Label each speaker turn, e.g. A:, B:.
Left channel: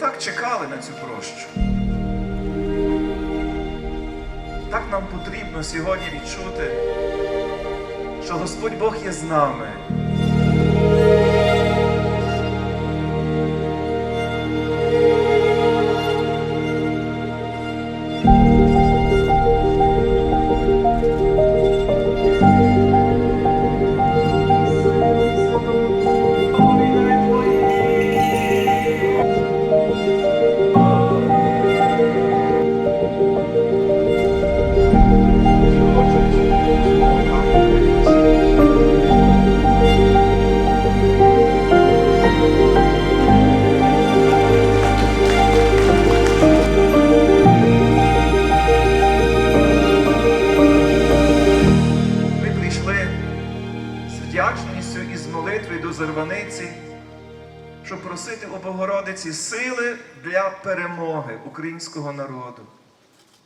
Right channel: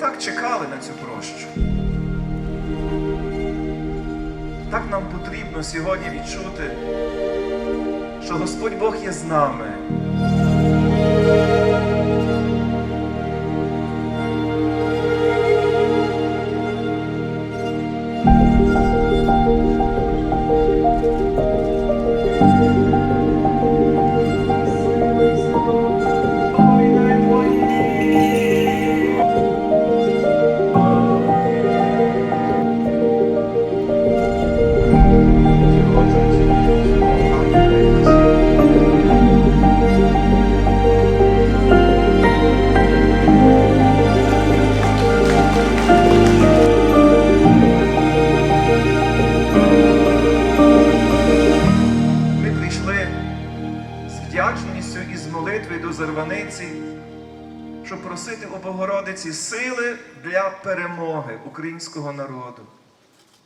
A: так чекали на цю прощу. Так нам потрібно сьогодні відчути, що Господь Бог є з нами. Ми вдячністю і з молитвою до Зарваниці, щоб просити у Богородиці сили для перемоги українського народу.